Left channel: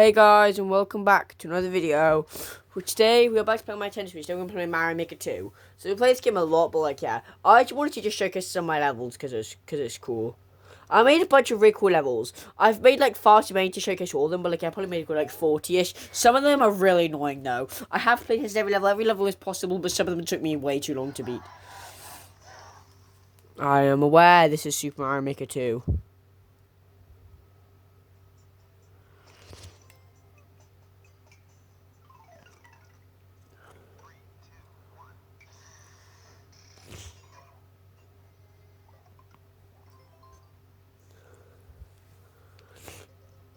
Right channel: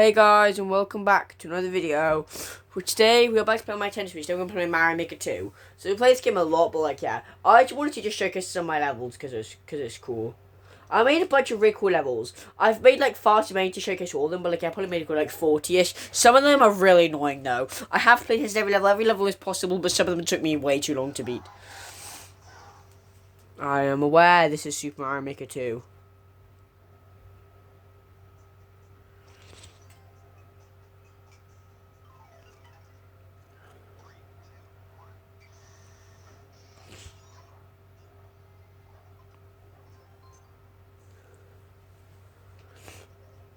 Hey guys, and welcome back to another video. For today, we're back to play my tennis Switch. We're gonna play Mario Maker 2. So we play this game a lot, but I just wanted to just showcase some of my levels because it's cool. I made a bunch of really cool levels. I've made far too many to showcase all of them, but I probably made 40-ish. Some of them are really annoying though. I have played this every level. Every level is possible, but some of them took me way too long to beat. I am aware this is Super Mario Maker 2.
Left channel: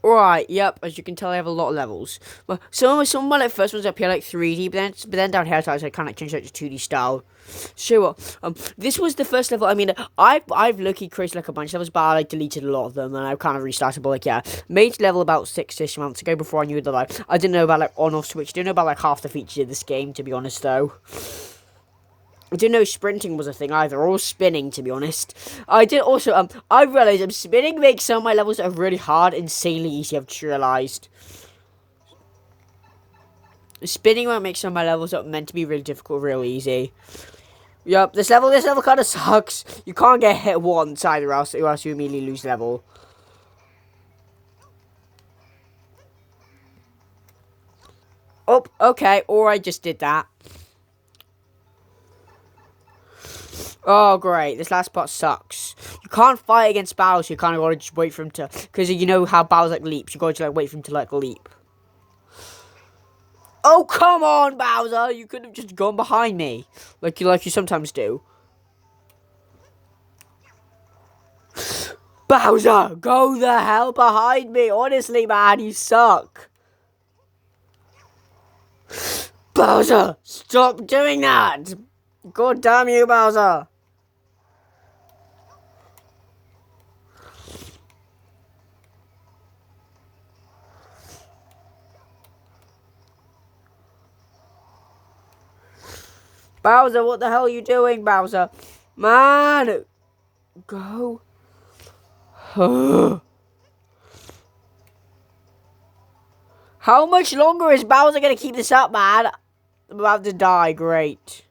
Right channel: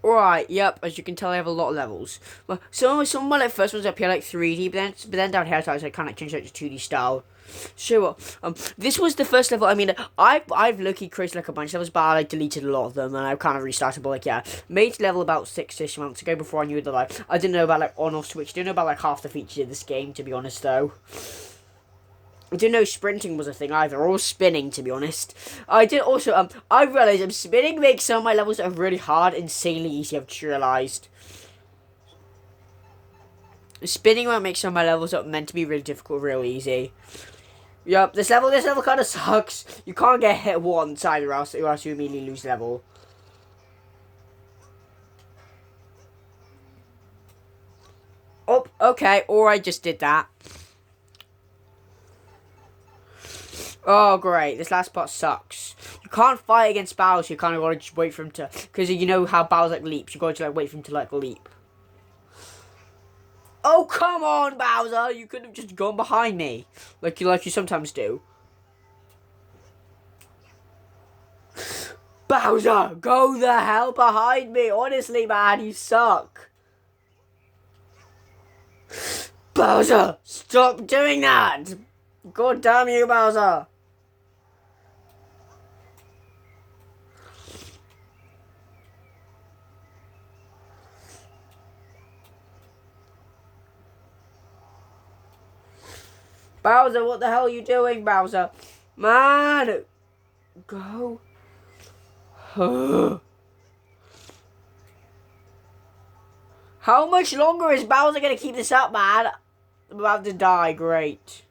Right, yep, as you can tell I have a lot of levels. But some of my first ones up here 3D, but then down here I kind of changed it to 2D style. Sure. This was the first level. I mean, I've low-key created a bunch of levels, but I deleted a lot of them, and I've kind of restarted. But made level about 6-ish months ago before I knew that I didn't know about on-off switch. Didn't know about half the features of this game, to be honest though. I didn't know sprinting was a thing either, or spinning, to be honest. I did also, I realised spinning makes some of my levels that are really hard insanely easy, I've realised. Spinning won't make some of my levels that are meant to be really difficult real easy. Yep, this level kind of sucks. You can't get hit once either, or else you immediately lose level. Oh, okay, or I just did that. Oh, great. This last part sucks. You can't fight against Bowser. You kind of got to just wait for him to... Because you know how Bowser leaps. You got to wait for him to leap. Oh, come on, Bowser. You could have just gone behind me. Like you sometimes do. Bowser, go the hell behind me. Honestly, man, you suck. Bowser, stop doing that. God damn you, Bowser. Bowser, what the hell are you doing, Bowser? Man, go. How much longer is Bowser gonna keep this up, man? I'm about to die, great.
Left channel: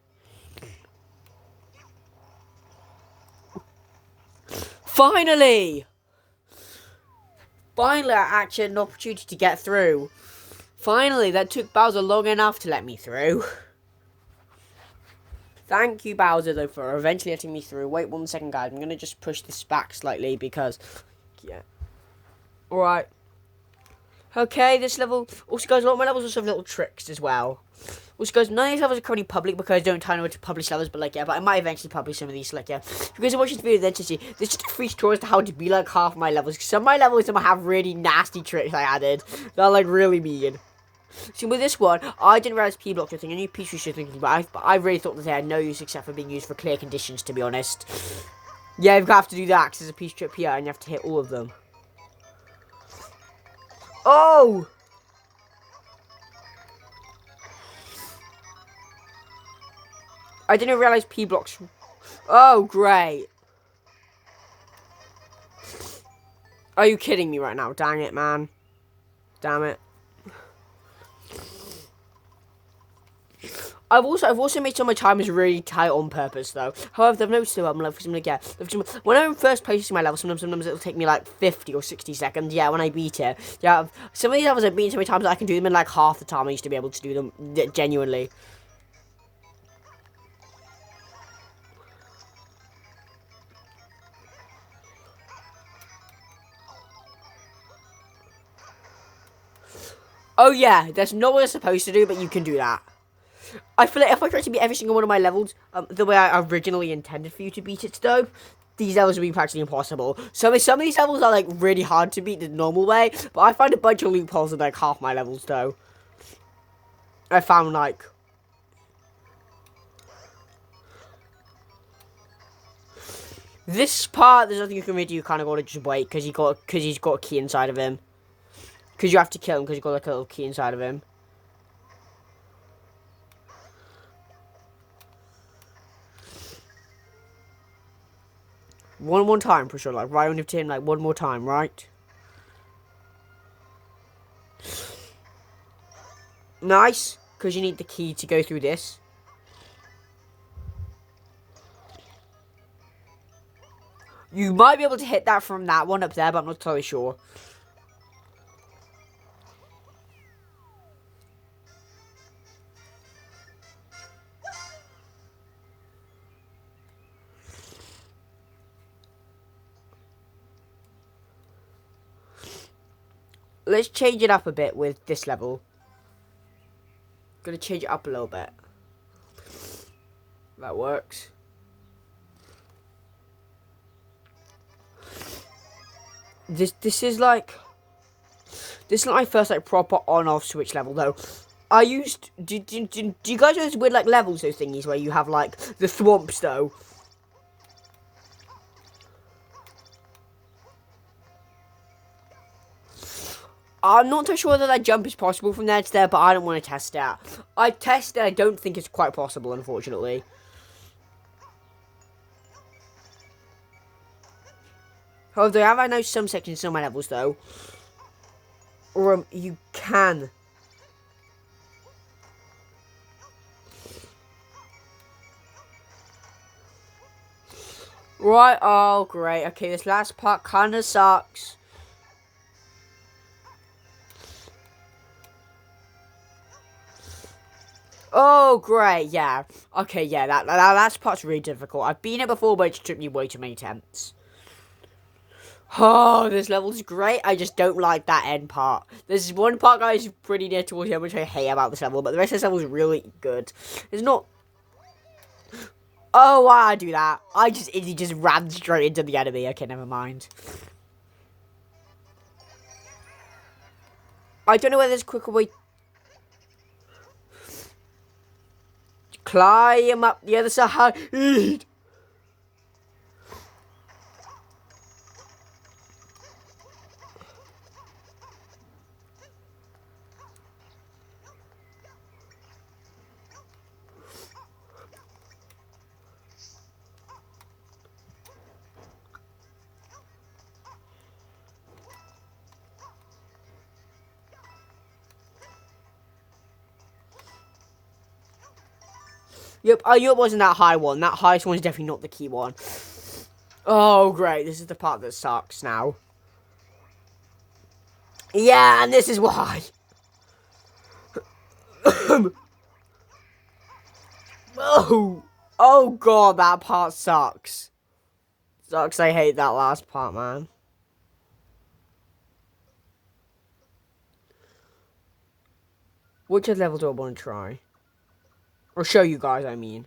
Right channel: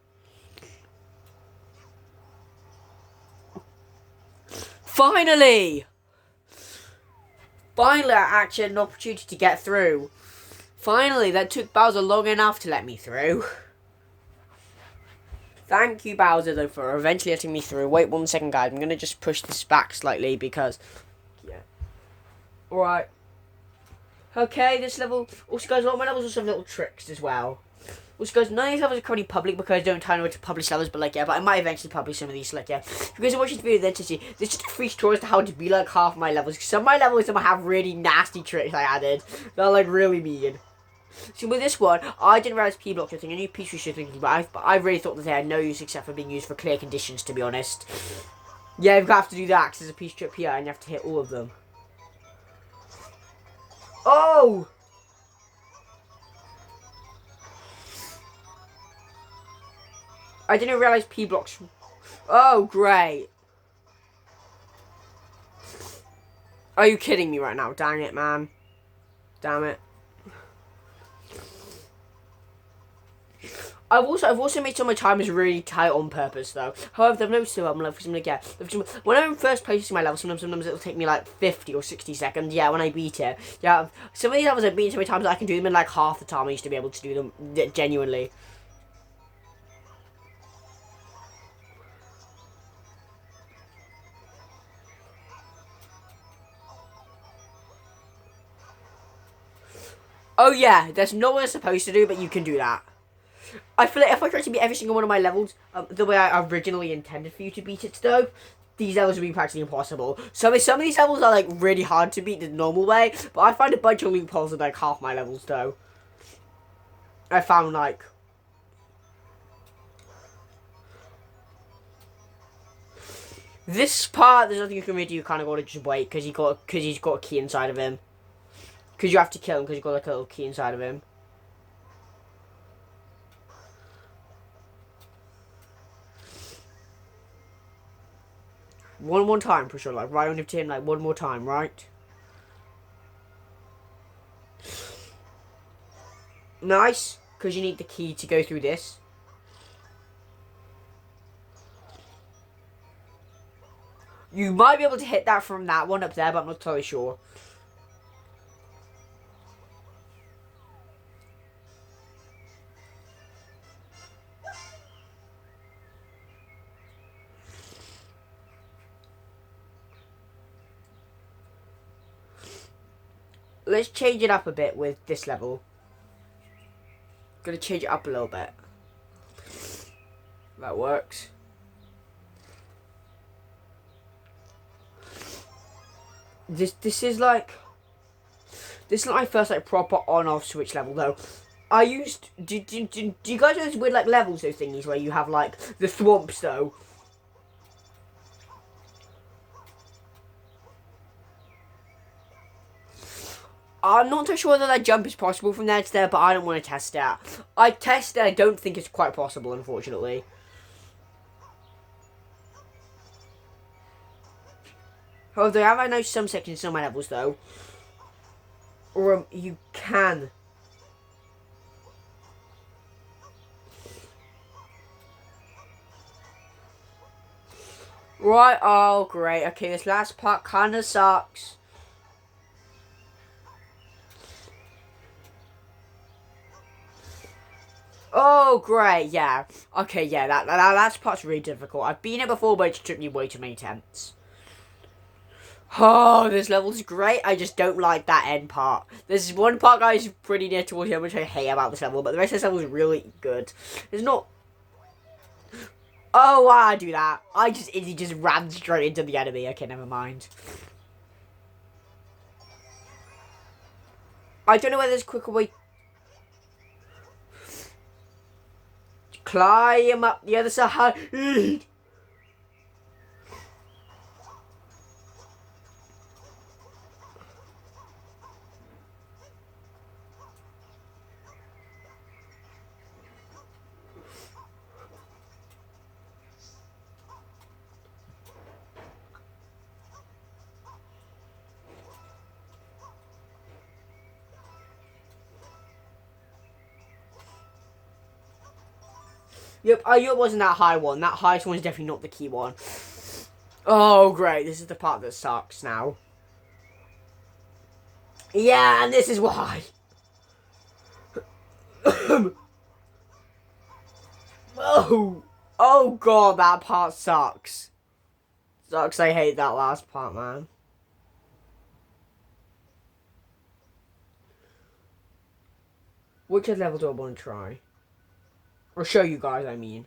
Finally! Finally, I actually had an opportunity to get through. Finally, that took Bowser long enough to let me through. Thank you, Bowser, though, for eventually letting me through. Wait 1 second, guys. I'm going to just push this back slightly because... Yeah. Alright. Okay, this level... Also, guys, a lot of my levels also have little tricks as well. Also, guys, none of these levels are currently public because I don't tell anyone to publish levels, but but I might eventually publish some of these, If you guys are watching this video, then to see, there's just a free tutorial as to how to be half my levels. Some of my levels have really nasty tricks I added. They're, really mean. So with this one, I didn't realize P-blocks were a thing. I knew P-switch was thinking, but I really thought that they had no use except for being used for clear conditions, to be honest. Yeah, you have to do that because there's a P-strip here and you have to hit all of them. Oh! I didn't realize P-blocks... Oh, great. Are you kidding me right now? Dang it, man. Damn it. I've also made some of my timers really tight on purpose though. However, I've noticed that when I'm first placing my level, sometimes it'll take me 50 or 60 seconds. Yeah, when I beat it. Yeah, some of these levels I've beaten so many times that I can do them in half the time I used to be able to do them genuinely. Oh yeah, that's not what it's supposed to do, but you can do that. I feel like if I try to beat every single one of my levels the way I originally intended for you to beat it, though, these levels would be practically impossible. Some of these levels are really hard to beat the normal way, but I find a bunch of loopholes in half my levels, though. I found this part. There's nothing you can really do. You kind of got to just wait because he's got a key inside of him. Because you have to kill him because you've got a little key inside of him. One more time, push on right on him, one more time, right? Nice, because you need the key to go through this. You might be able to hit that from that one up there, but I'm not totally sure. Let's change it up a bit with this level. Gonna change it up a little bit. That works. This is like... This is not my first like proper on-off switch level though. I used... Do you guys know those weird like levels, those thingies where you have like the thwomps though? I'm not too sure whether that jump is possible from there to there, but I don't want to test it out. I tested it, I don't think it's quite possible, unfortunately. However, I know some sections in some levels, though. Or you can. Right, oh, great. Okay, this last part kind of sucks. Oh, great, yeah. Okay, yeah, that last part's really difficult. I've been it before, but it took me way too many attempts. Oh, this level's great. I just don't like that end part. There's one part, guys, pretty near towards the end, which I hate about this level, but the rest of this level is really good. It's not... Oh, why I do that? He just ran straight into the enemy. Okay, never mind. I don't know whether there's a quicker way... Climb up the other side. Yep, it wasn't that high one. That highest one is definitely not the key one. Oh, great. This is the part that sucks now. Yeah, and this is why. Oh. Oh, God, that part sucks. Sucks, I hate that last part, man. Which level do I want to try? Or show you guys, I mean.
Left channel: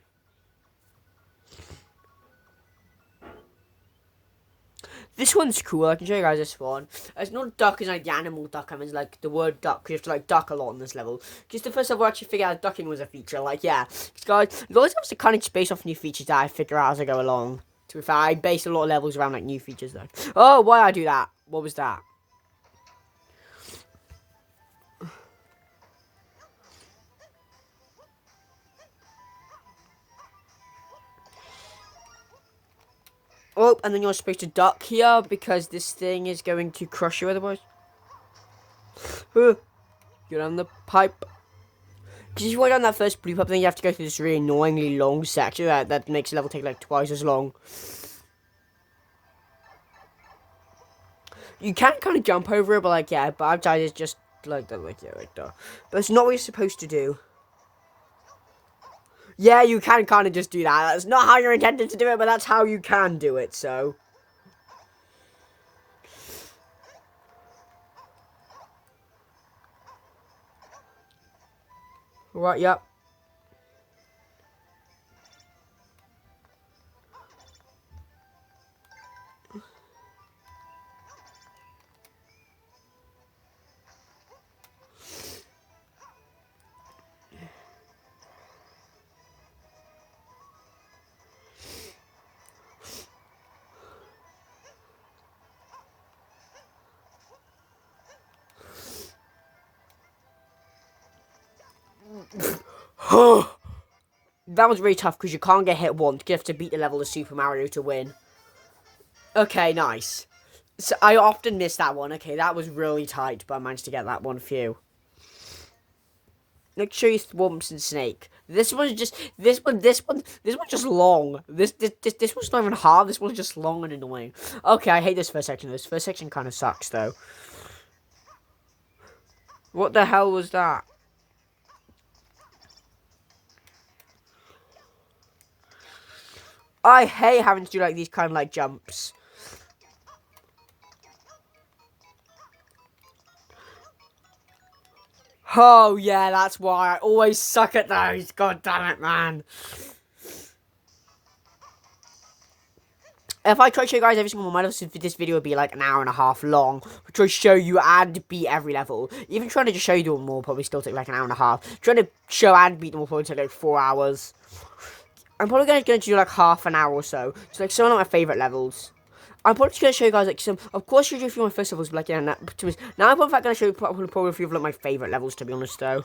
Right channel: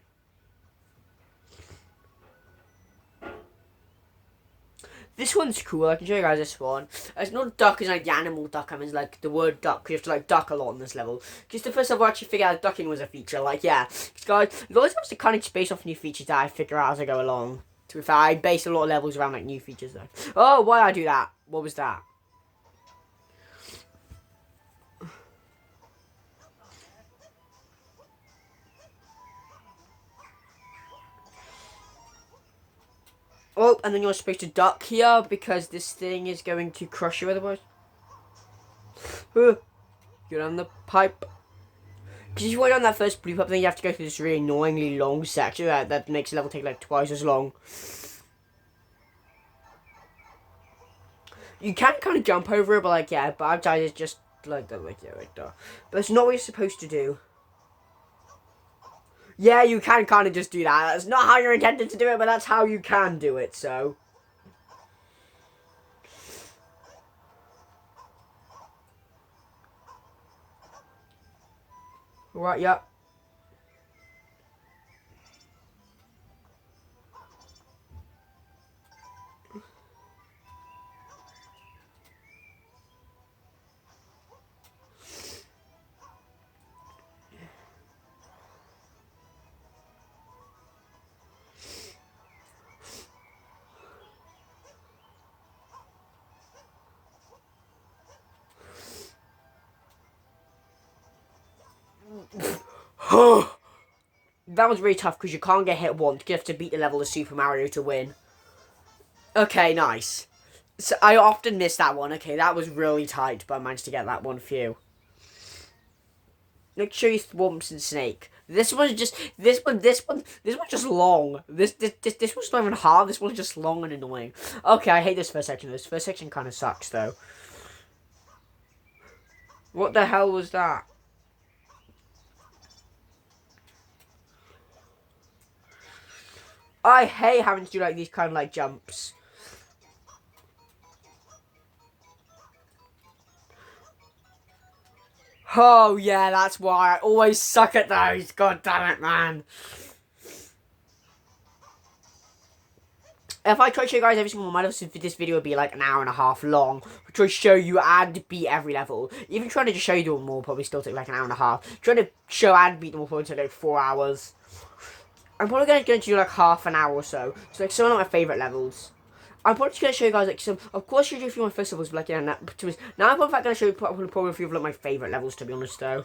This one's cool. I can show you guys this one. It's not duck as like the animal duck. I mean, like the word duck. You have to like duck a lot on this level. Because the first level I actually figured out ducking was a feature. Like, yeah. Guys, you always have to kind of space off new features that I figure out as I go along. To be fair, I base a lot of levels around like new features though. Oh, why did I do that? What was that? Oh, and then you're supposed to duck here because this thing is going to crush you otherwise. Get on the pipe. Because if you go down that first blue pipe, then you have to go through this really annoyingly long section that makes the level take like twice as long. You can kind of jump over it, but like, yeah, but I've tried it just like that, like, yeah, like that. But it's not what you're supposed to do. Yeah, you can kind of just do that. That's not how you're intended to do it, but that's how you can do it, so. Right, yeah. That was really tough because you can't get hit once. You have to beat the level of Super Mario to win. Okay, nice. So I often miss that one. Okay, that was really tight, but I managed to get that one few. Make sure you Thwomps and Snake. This one's just this one's just long. This one's not even hard. This one's just long and annoying. Okay, I hate this first section. This first section kind of sucks though. What the hell was that? I hate having to do like these kind of like jumps. Oh yeah, that's why I always suck at those. God damn it, man. If I try to show you guys every single one of this video would be like an hour and a half long. I try to show you and beat every level. Even trying to just show you them all probably still take like an hour and a half. Trying to show and beat them all probably take like 4 hours. I'm probably going to do like half an hour or so. So like some of my favourite levels. I'm probably going to show you guys like some. Of course, you do a few of my first levels, but like yeah. Now I'm probably going to show you probably a few of like my favourite levels to be honest though.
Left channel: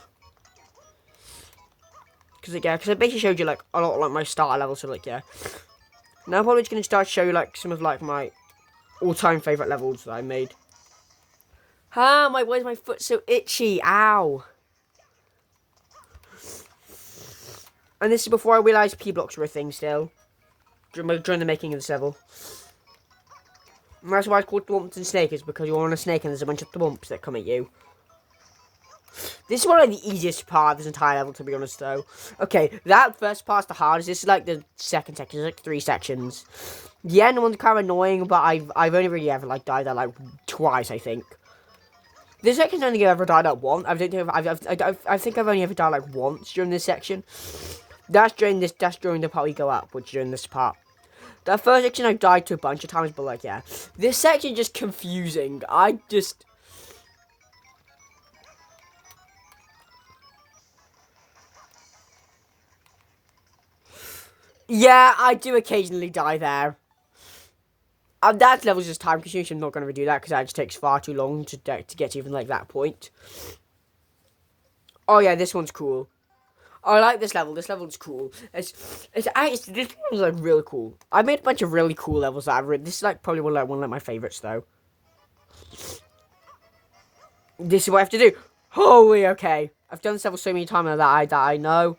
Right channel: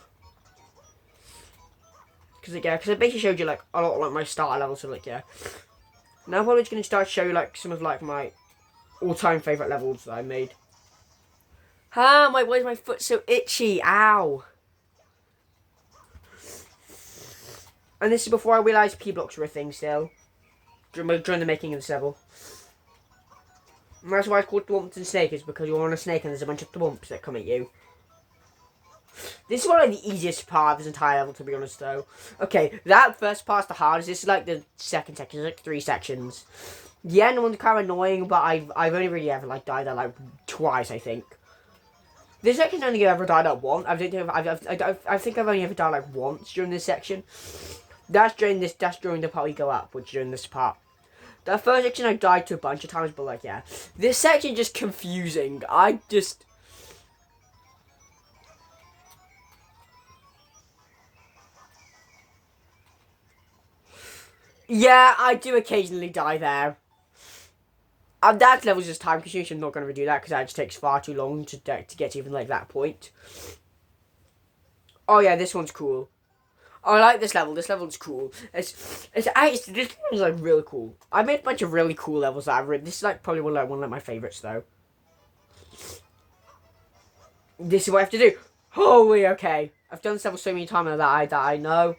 Because like, yeah, because I basically showed you like a lot of like my starter levels. So like yeah. Now I'm probably just going to start to show you like some of like my all-time favourite levels that I made. Ah, why is my foot so itchy? Ow. And this is before I realised P-blocks were a thing still. During the making of this level. And that's why it's called Thwomps and Snake, is because you're on a snake and there's a bunch of thwomps that come at you. This is one of the easiest part of this entire level, to be honest, though. Okay, that first part's the hardest. This is like the second section. There's like 3 sections. The end one's kind of annoying, but I've only really ever like died there like twice, I think. This section's only ever died at once. I think I've only ever died like once during this section. That's during the part we go up, which is during this part. The first section I died to a bunch of times, but like yeah. This section just confusing. Yeah, I do occasionally die there. That level's just time consuming. I'm not going to redo that because that just takes far too long to get to even like that point. Oh yeah, this one's cool. Oh, I like this level. This level's cool. This one's like really cool. I made a bunch of really cool levels that I've written. This is like probably one of my favorites though. This is what I have to do. Holy okay. I've done this level so many times that I know.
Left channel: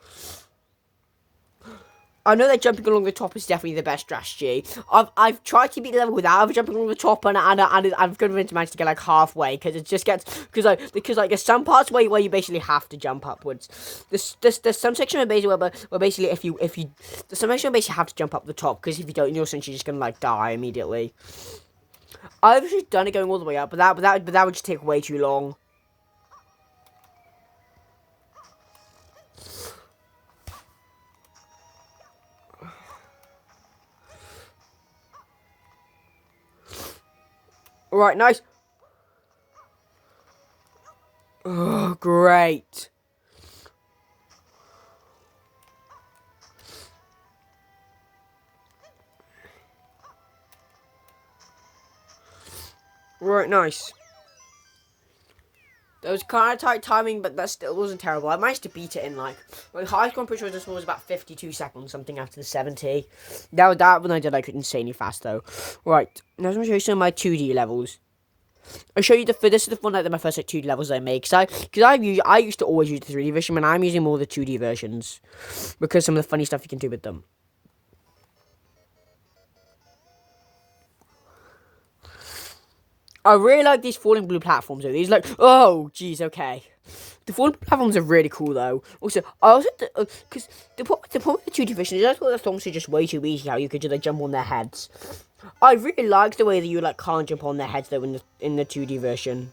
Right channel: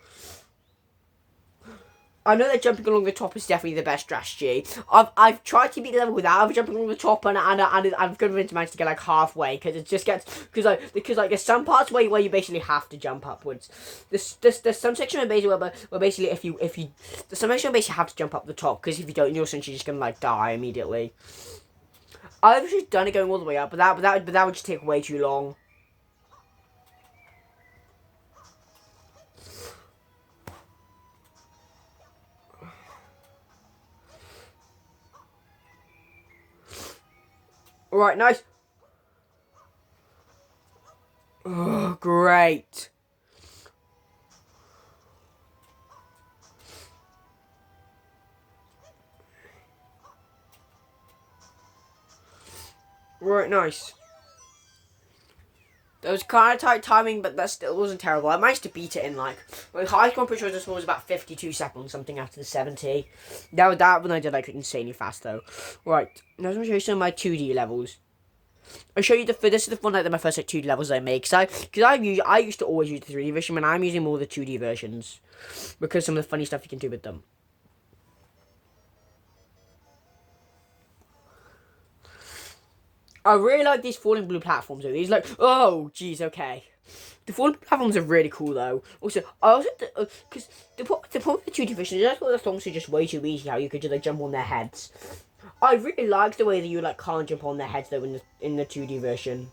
I know that jumping along the top is definitely the best strategy. I've tried to beat the level without jumping along the top, and I've managed to get like halfway because it just gets because there's some parts where you basically have to jump upwards. There's some section where basically if you there's some section where basically have to jump up the top because if you don't, you're essentially just gonna like die immediately. I've actually done it going all the way up, but that would just take way too long. Alright, nice. Oh, great. Right, nice. That was kind of tight timing, but that still wasn't terrible. I managed to beat it in like my highest score, I'm pretty sure this was about 52 seconds, something after the 70. That one I did like insanely fast though. Right, now I'm going to show you some of my 2D levels. I'll show you this is the one like my first like 2D levels I made because I used to always use the 3D version, but I'm using more of the 2D versions because some of the funny stuff you can do with them. I really like these falling blue platforms though. These like oh jeez okay. The falling platforms are really cool though. Also, I also because the point of the 2D version is that's what the songs are just way too easy. How you could just like jump on their heads. I really like the way that you like can't jump on their heads though in the 2D version.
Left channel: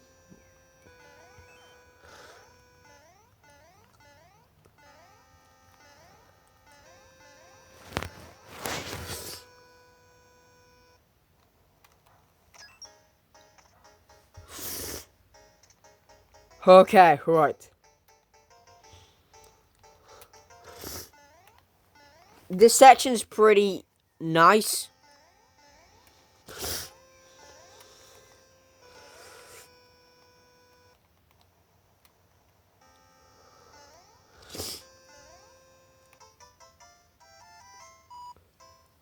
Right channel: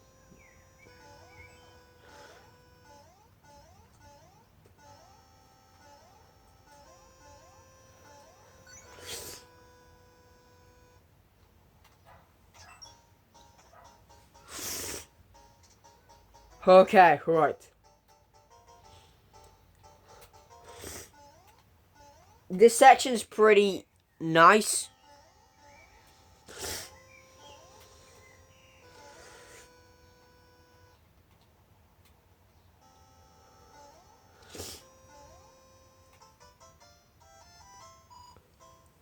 Okay, right. This section's pretty nice.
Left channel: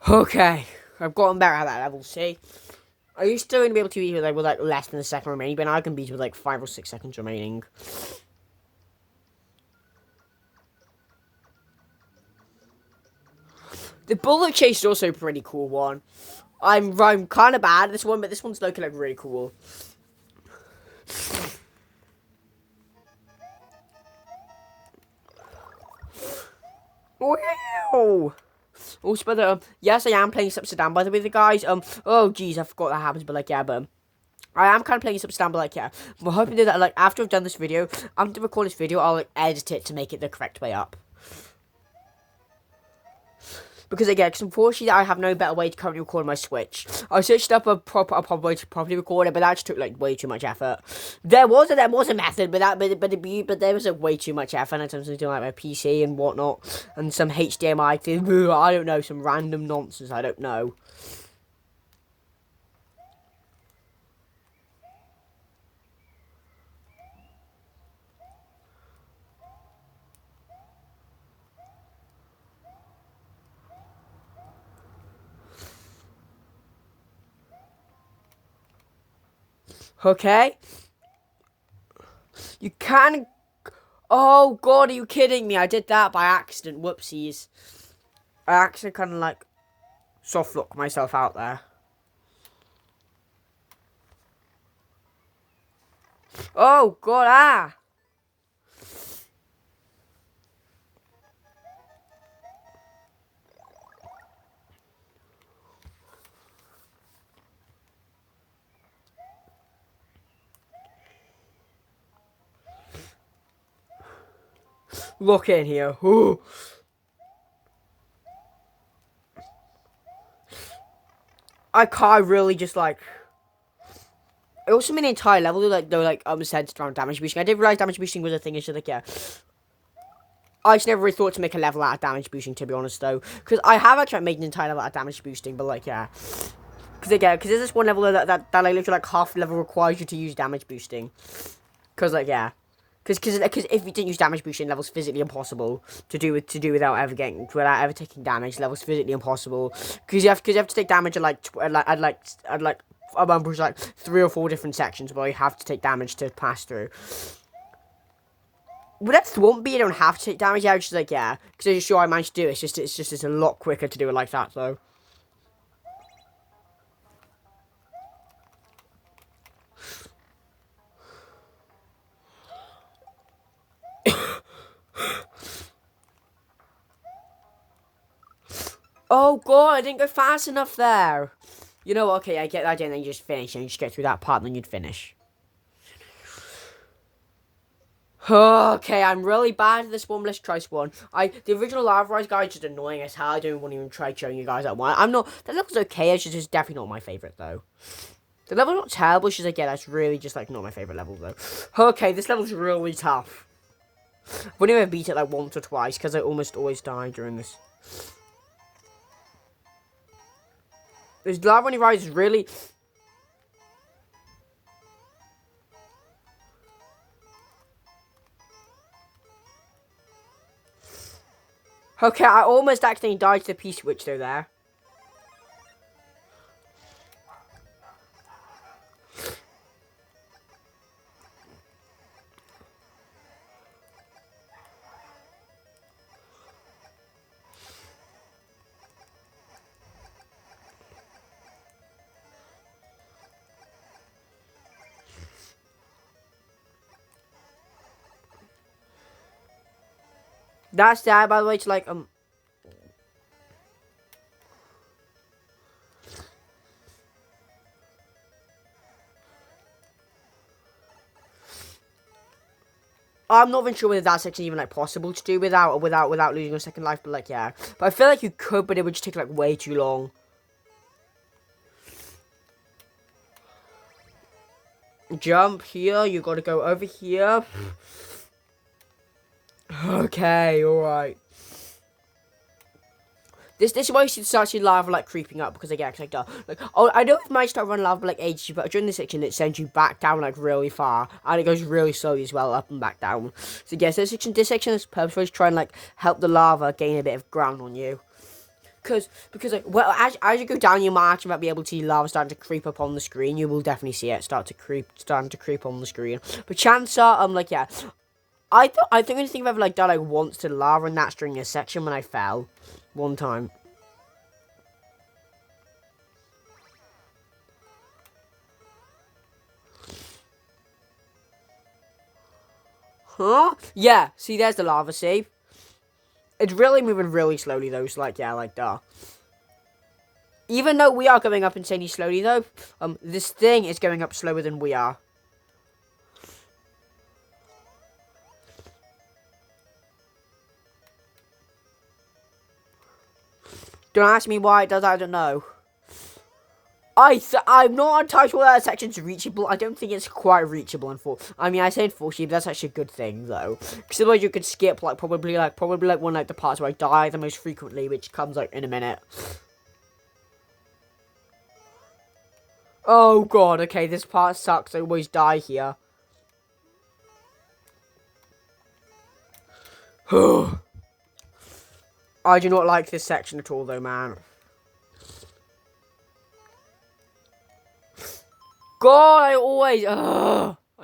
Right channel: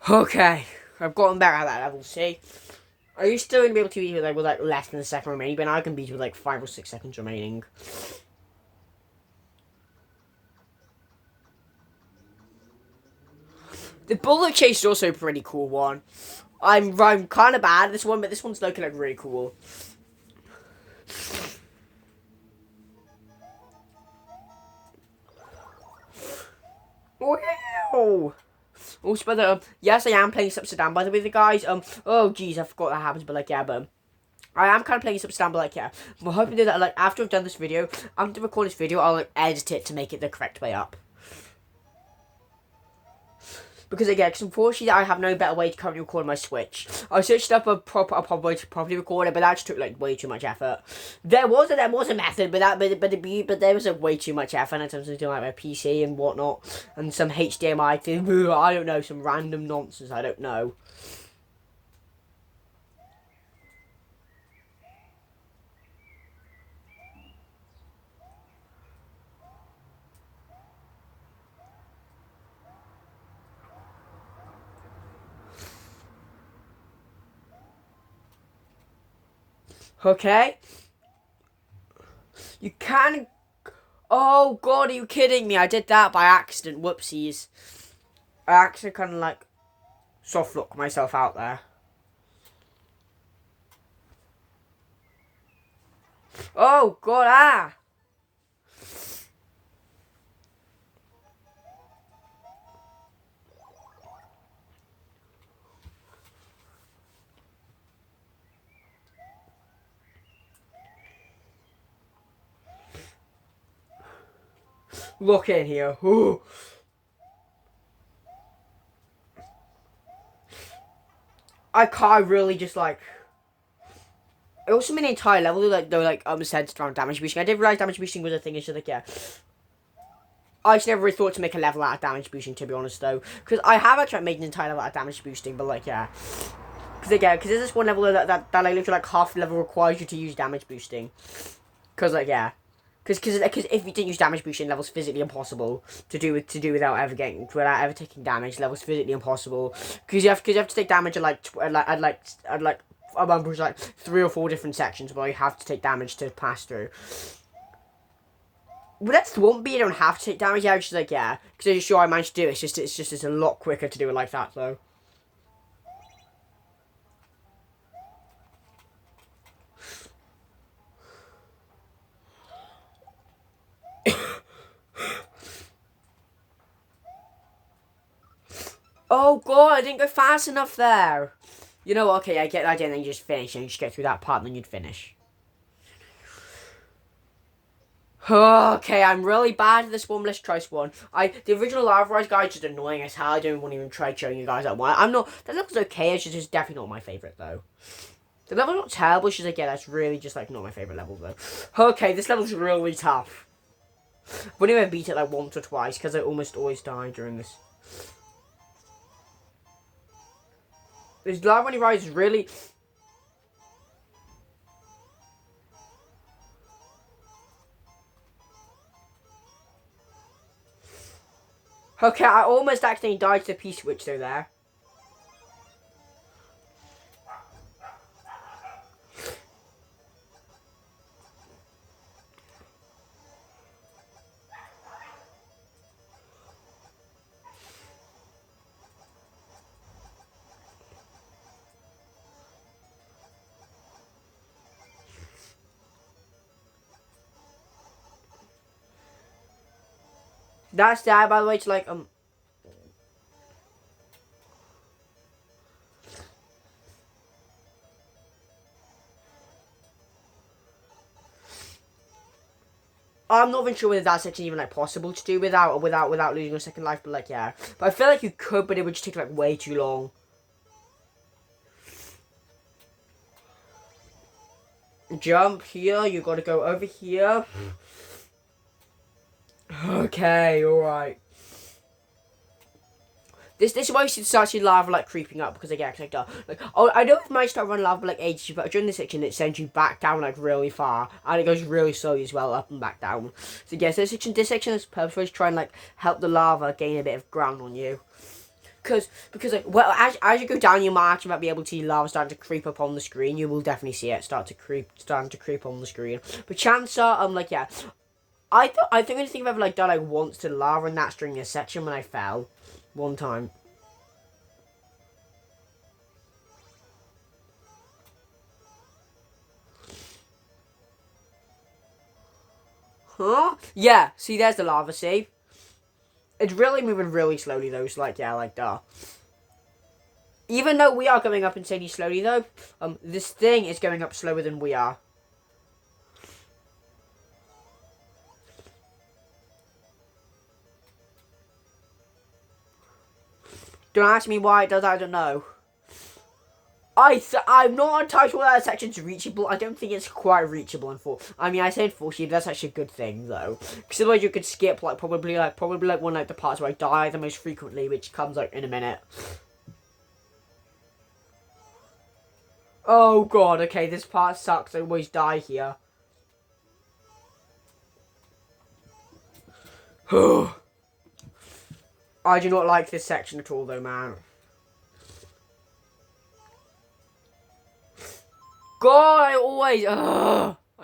Okay, I've gotten better at that level, see? Are you still gonna be able to beat with like less than a second remaining? But I can beat with like 5 or 6 seconds remaining. The bullet chase is also a pretty cool one. I'm kind of bad at this one, but this one's looking like really cool. Wow. Also, by the yes, I am playing Subsidam. By the way, the guys. Oh, geez, I forgot that happens. But like, yeah, but I am kind of playing Subsidam. But like, yeah, we're hoping that like after I've done this video, after record this video, I'll like, edit it to make it the correct way up. Because again, because unfortunately I have no better way to currently record my Switch. I searched up a proper way to properly record it, but that just took like way too much effort. There was a method, but there was like way too much effort in terms of doing like my PC and whatnot, and some HDMI thing. I don't know, some random nonsense. I don't know. Okay. You can. Oh god, are you kidding me? I did that by accident. Whoopsies. I actually kind of like soft lock myself out there. Oh god, ah. Look in here. Ooh. I can't really just like. I also made an entire level like centered around damage boosting. I didn't realize damage boosting was a thing. It's just like yeah. I just never really thought to make a level out of damage boosting, to be honest though, because I have actually made an entire level out of damage boosting, but like yeah. Because there's this one level that like literally like half the level requires you to use damage boosting. Because like yeah. Because if you didn't use damage boosting, level's physically impossible to do without ever taking damage. Level's physically impossible because you have to take damage at like I remember like 3 or 4 different sections where you have to take damage to pass through. But that won't be. You don't have to take damage. Yeah, just like yeah, because I'm sure I managed to do it. It's a lot quicker to do it like that though. Oh god, I didn't go fast enough there. You know, okay, I get that, and then you just finish, and you just get through that part, and then you'd finish. Okay, I'm really bad at this one. Let's try this one. The original Lava Rise guy is just annoying as hell. I don't want to even try showing you guys that one. I'm not. That level's okay. It's just definitely not my favorite though. The level's not terrible. It's just like yeah, that's really just like not my favorite level though. Okay, this level's really tough. I've only ever beat it like once or twice because I almost always die during this. This Lava Rise is really. Okay, I almost accidentally died to the P-switch though there. That's that, by the way, to like, I'm not even sure whether that's actually even like possible to do without losing a second life, but like yeah. But I feel like you could, but it would just take like way too long. Jump here, you gotta go over here. Okay, alright. This is why you should start seeing lava like creeping up because again, like oh I know it might start running lava like ages, but during this section it sends you back down like really far and it goes really slowly as well, up and back down. So yeah, so this section is purposeful to try and like help the lava gain a bit of ground on you. because like, well, as you go down your march, you might be able to see lava starting to creep up on the screen. You will definitely see it starting to creep on the screen. But chances are, like, yeah, I think I think I've ever like done like once to lava, and that's during this section when I fell one time. Huh? Yeah. See, there's the lava. See, it's really moving really slowly though. So like, yeah, like that. Even though we are going up insanely slowly though, this thing is going up slower than we are. Don't ask me why it does, I don't know. I'm not entirely sure that section's reachable. I don't think it's quite reachable. I mean, I say unfortunately, that's actually a good thing though, because otherwise you could skip like probably like one like the parts where I die the most frequently, which comes like in a minute. Oh god, okay, this part sucks. I always die here. I do not like this section at all, though, man. God, I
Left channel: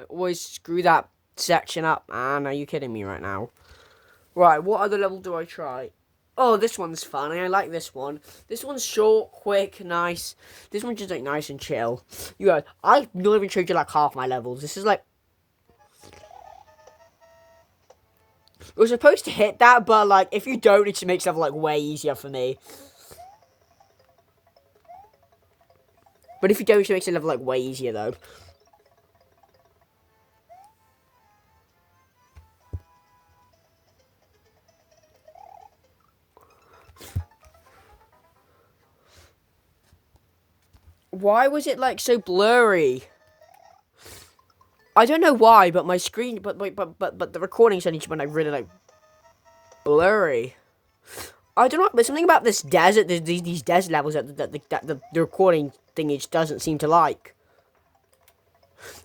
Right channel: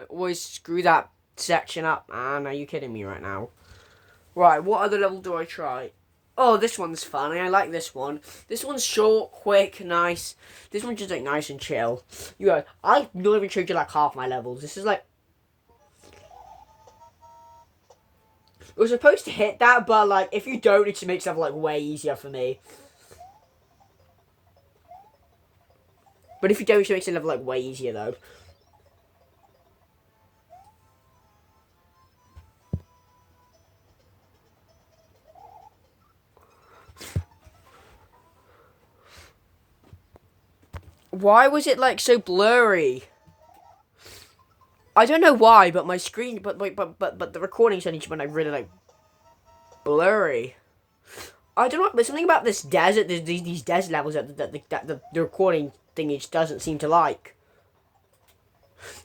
always screw that section up, man. Are you kidding me right now? Right, what other level do I try? Oh, this one's fun. I like this one. This one's short, quick, nice. This one's just like nice and chill. You guys, I've not even showed you like half my levels. This is like we're supposed to hit that, but like if you don't, it just makes stuff like way easier for me. But if you don't, it makes the level like way easier though. Why was it like so blurry? I don't know why, but my screen, but the recording suddenly went like really like blurry. I don't know. There's something about this desert. There's these desert levels that the recording thing just doesn't seem to like.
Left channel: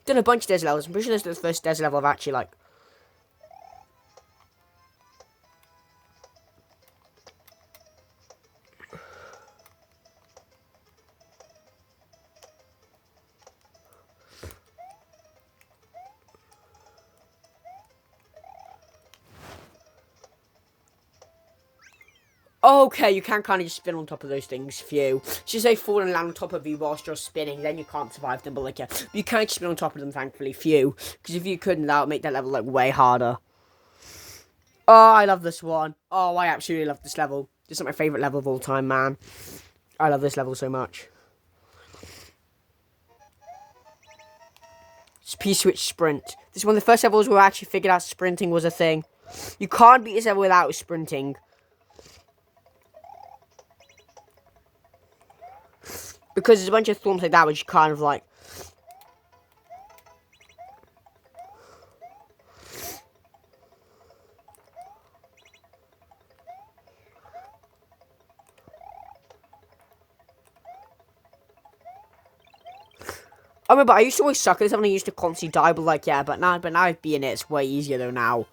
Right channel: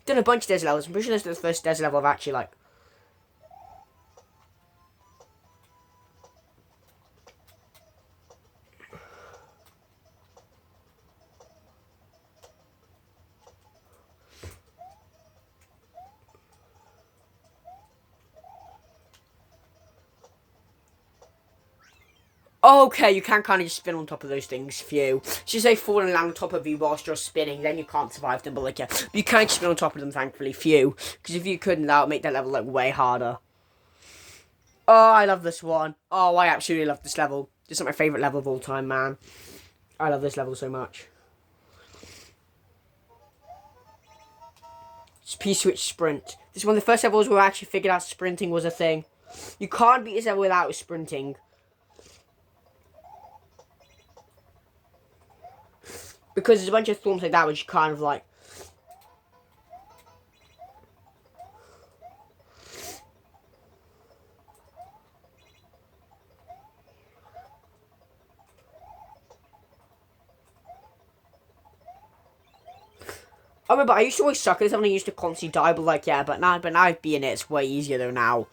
Done a bunch of desert levels. I'm pretty sure this is the first desert level I've actually like. Okay, you can kind of just spin on top of those things. Phew. Should say falling on top of you whilst you're spinning, then you can't survive them. But like, yeah, you can spin on top of them. Thankfully, phew. Because if you couldn't, that would make that level like way harder. Oh, I love this one. Oh, I absolutely love this level. This is my favorite level of all time, man. I love this level so much. It's P-Switch Sprint. This is one of the first levels where I actually figured out sprinting was a thing. You can't beat this level without sprinting. Because there's a bunch of thorns like that which kind of like... I remember I used to always suck at this and I used to constantly die, but like, yeah, but now being it, it's way easier though now.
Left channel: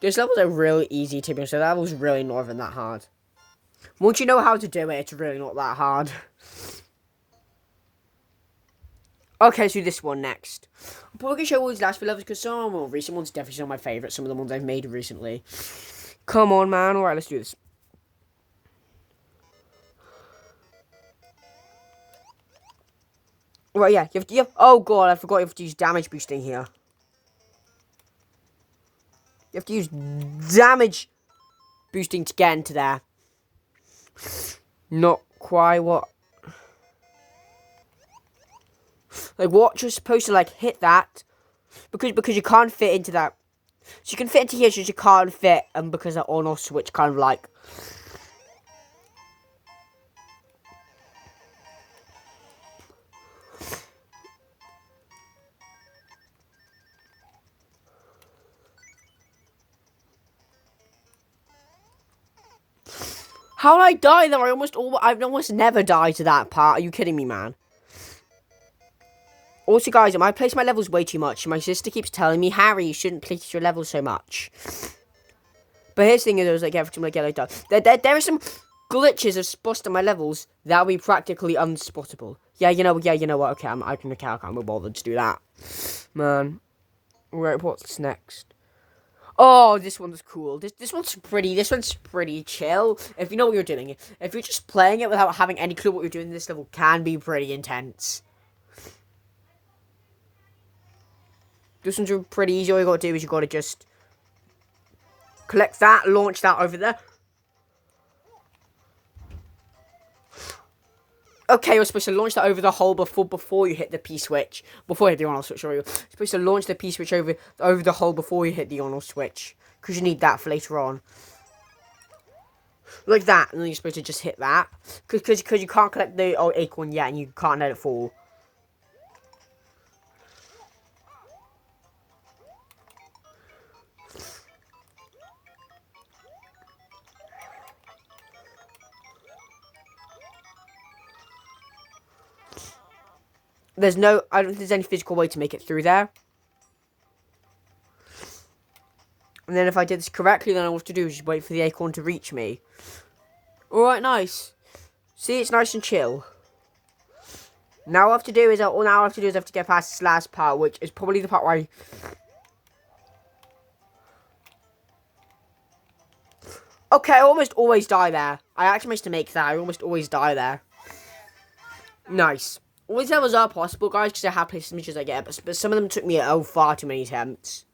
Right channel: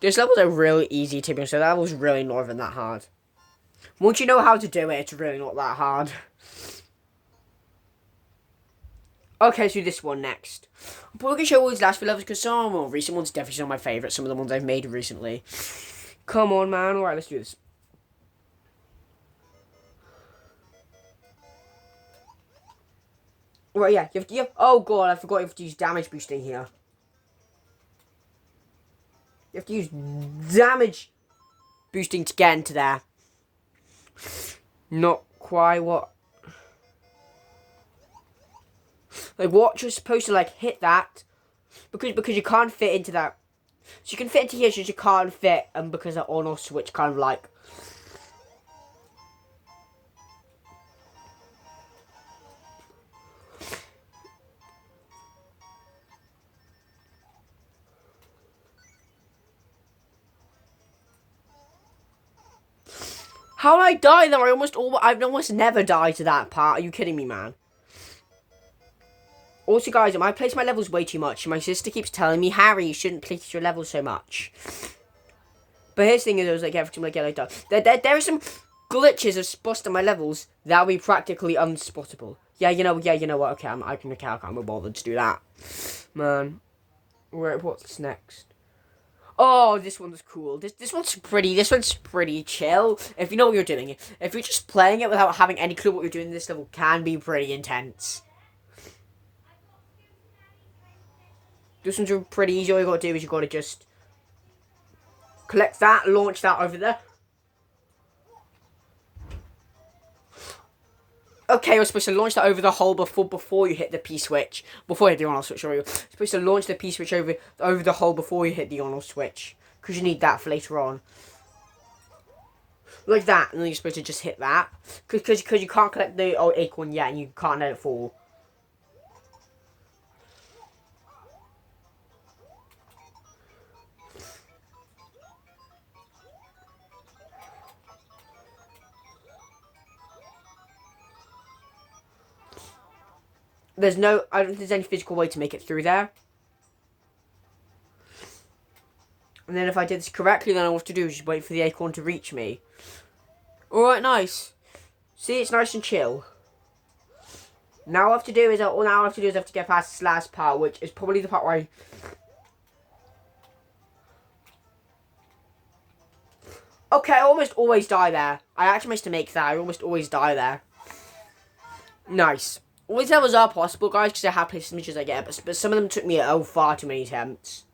Those levels are really easy to be, so that level's really not even that hard. Once you know how to do it, it's really not that hard. Okay, so this one next. I'm probably going to show all these last few levels because some of the more recent ones definitely some of my favourites. Some of the ones I've made recently. Come on, man. Alright, let's do this. Right, yeah. You have, oh, God. I forgot you have to use damage boosting here. You have to use damage boosting to get into there. Not quite what... Like, what you're supposed to, like, hit that. Because you can't fit into that. So you can fit into here, so you can't fit, and because that on-off switch kind of, like... How did I die there? I've almost never died to that part. Are you kidding me, man? Also, guys, I place my levels way too much. My sister keeps telling me, Harry, you shouldn't place your levels so much. But here's the thing: is, like every time I get like that, there are some glitches are spust on my levels, that would be practically unspottable. Yeah, you know what? Okay, I can't be bothered to do that, man. Right, what's next? Oh, this one's cool. This one's pretty. This one's pretty chill. If you know what you're doing, if you're just playing it without having any clue what you're doing, this level can be pretty intense. This one's pretty easy. All you gotta do is you gotta just collect that, launch that over there. Okay, you're supposed to launch that over the hole before you hit the P switch. Before you hit the on-off switch, sorry. You're supposed to launch the P switch over the hole before you hit the on-off switch. Because you need that for later on. Like that, and then you're supposed to just hit that. Because you can't collect the acorn yet, and you can't let it fall. I don't think there's any physical way to make it through there. And then if I did this correctly, then all I have to do is just wait for the acorn to reach me. Alright, nice. See, it's nice and chill. Now all I have to do is I have to get past this last part, which is probably the part where I... Okay, I almost always die there. I actually managed to make that. I almost always die there. Nice. All these levels are possible, guys, because I have played as much as I get, but some of them took me far too many attempts.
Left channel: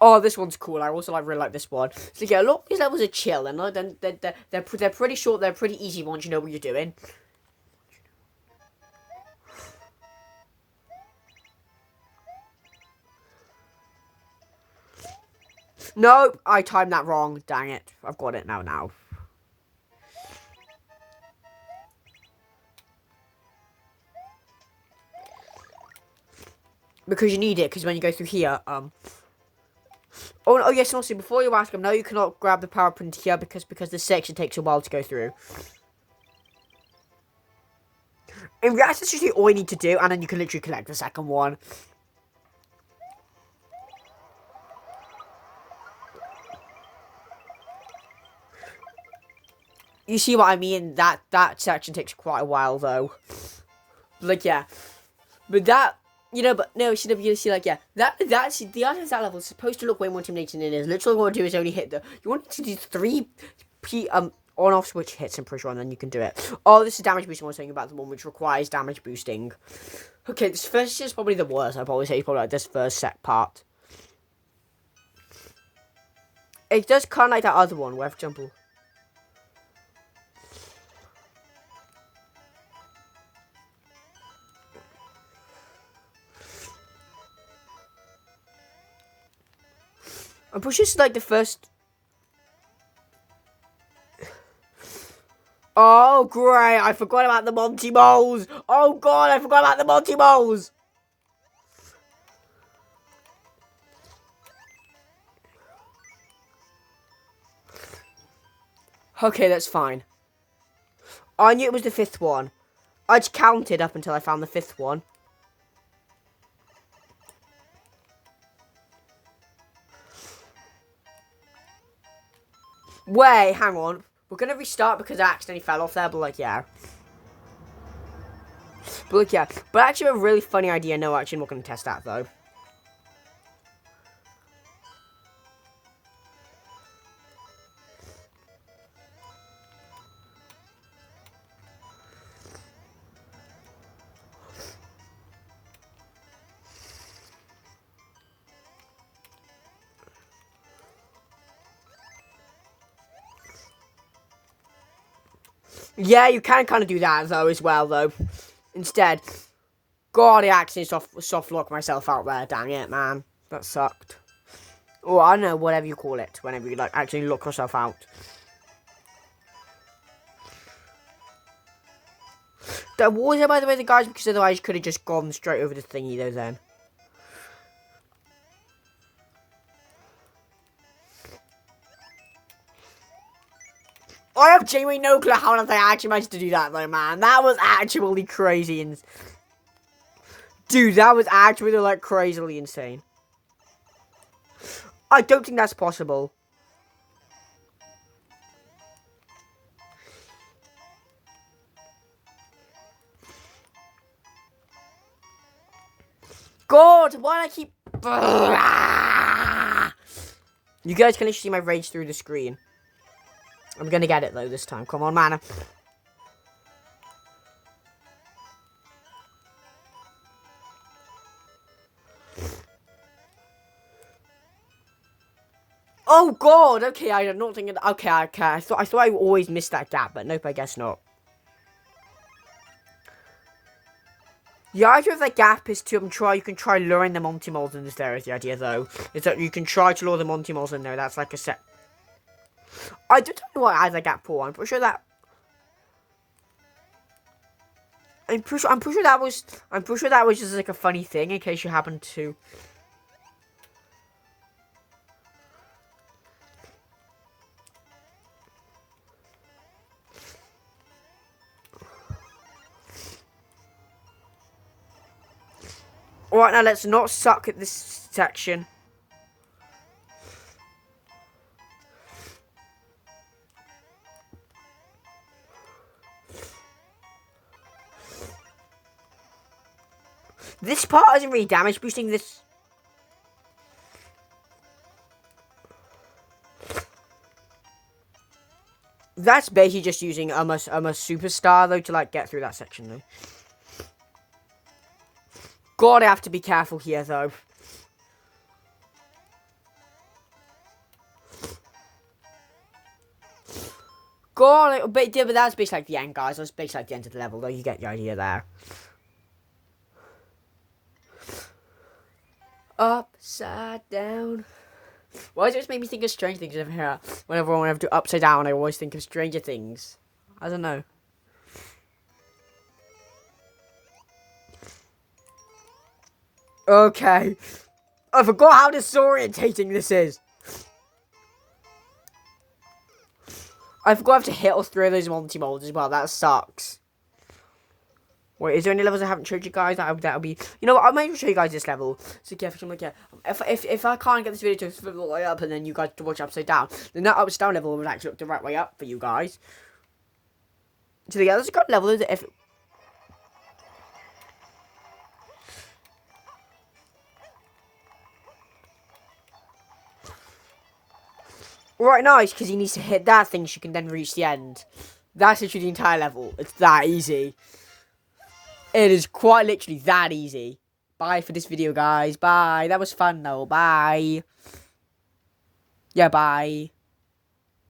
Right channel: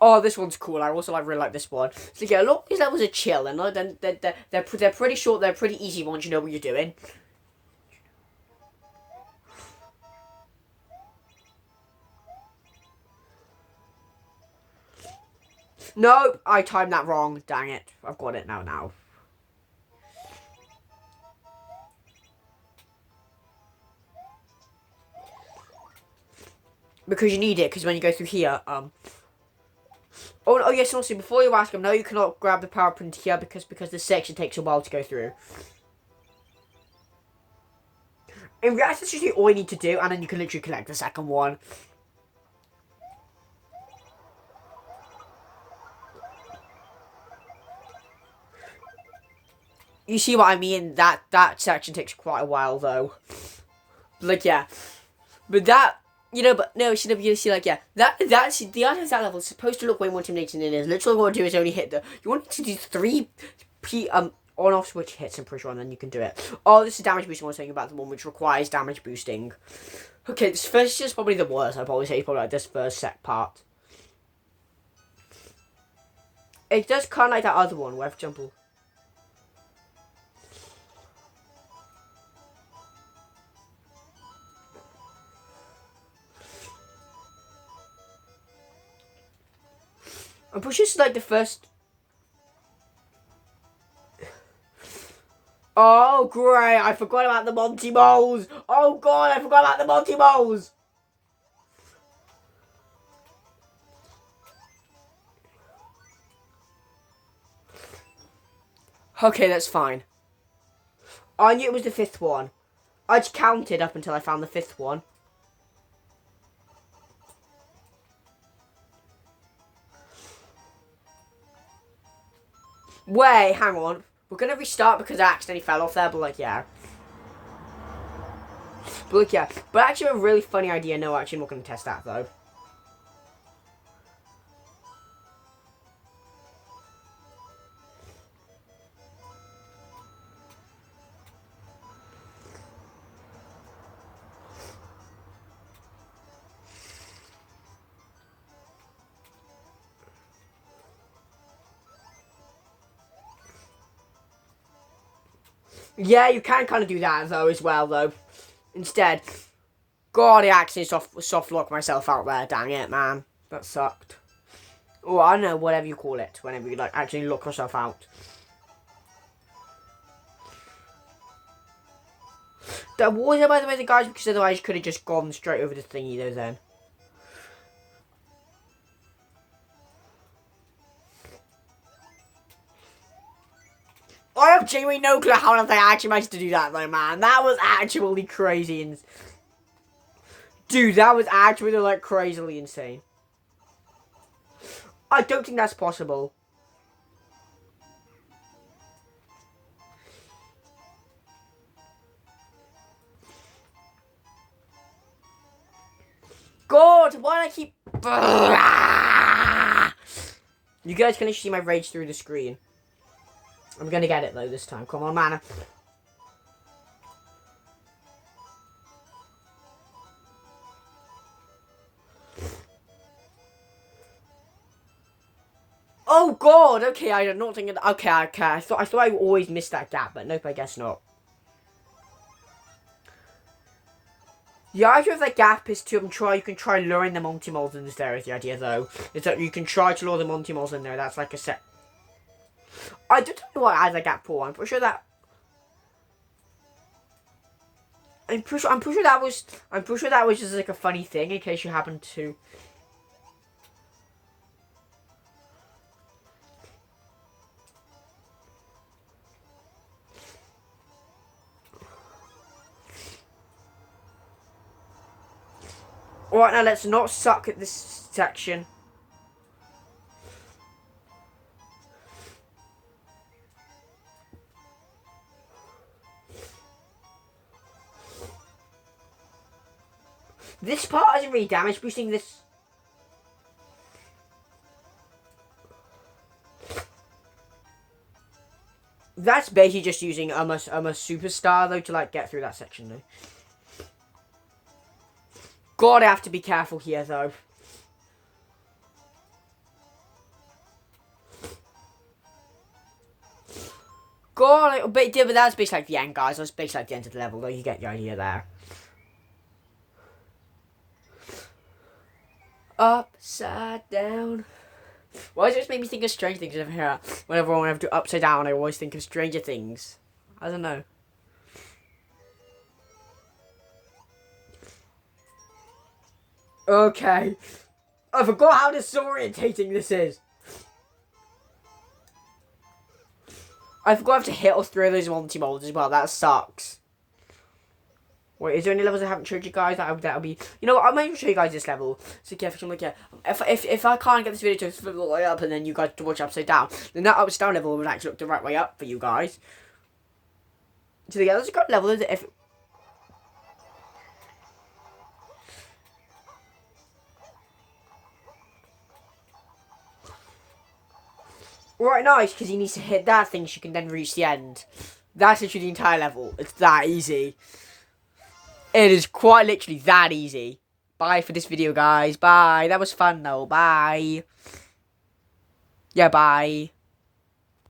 Oh, this one's cool. I also really like this one. So yeah, a lot of these levels are chill, and they're pretty short. They're pretty easy once you know what you're doing. Nope, I timed that wrong. Dang it! I've got it now. Because you need it, because when you go through here, Oh yes, and also before you ask him, no, you cannot grab the power print here because this section takes a while to go through. In reality, that's usually all you need to do, and then you can literally collect the second one. You see what I mean? That section takes quite a while, though. Like, yeah. But that... You know, but no, CWC, like, yeah, that's the art of that level is supposed to look way more intimidating than it is. Literally, what you do is only hit the. You want to do 3 on-off switch hits, I'm pretty sure, and then you can do it. Oh, this is damage boosting. I was saying about the one which requires damage boosting. Okay, this first is probably the worst. I'd probably say probably like this first set part. It does kind of like that other one where I jump. I'm pretty sure it's like the first. Oh, great. I forgot about the Monty Moles. Oh, God, I forgot about the Monty Moles. Okay, that's fine. I knew it was the 5th one. I just counted up until I found the 5th one. Wait, hang on. We're gonna restart because I accidentally fell off there, but like, yeah. But like, yeah. But actually, a really funny idea. No, actually, I'm not gonna test that though. Yeah, you can kind of do that though as well though. Instead, God, I actually soft locked myself out there. Dang it, man, that sucked. Or I don't know, whatever you call it, whenever you like actually lock yourself out. That was it, by the way, the guys, because otherwise you could have just gone straight over the thingy though. Then. I have genuinely no clue how they actually managed to do that though, man. That was actually crazy and dude, that was actually like crazily insane. I don't think that's possible. God, why do I keep... You guys can literally see my rage through the screen. I'm gonna get it, though, this time. Come on, man. Oh, God! Okay, I did not think of that. Okay. I thought I always missed that gap, but nope, I guess not. The idea of that gap is to you can try luring the Monty Moles in there is the idea, though. Is that you can try to lure the Monty Moles in there. That's like a set. I don't know what I had that gap for. I'm pretty sure that... I'm pretty sure that was just like a funny thing in case you happen to... Alright, now let's not suck at this section. This part isn't really damage boosting. This... That's basically just using a superstar, though, to, like, get through that section, though. God, I have to be careful here, though. God, but that's basically like the end, guys. That's basically like the end of the level, though. You get the idea there. Upside down. Why does it just make me think of Stranger Things over here? Whenever I do Upside Down, I always think of Stranger Things. I don't know. Okay. I forgot how disorientating this is. I forgot I have to hit all three of those Monty Moles as well. That sucks. Wait, is there any levels I haven't showed you guys? That'll be... You know what? I might even show you guys this level. So careful, look at... If I can't get this video to flip the way up and then you guys to watch Upside Down, then that Upside Down level would actually look the right way up for you guys. So yeah, there's a good level. If... Right, nice, because he needs to hit that thing so you can then reach the end. That's literally the entire level. It's that easy. It is quite literally that easy. Bye for this video, guys. Bye. That was fun, though. Bye. Yeah, bye.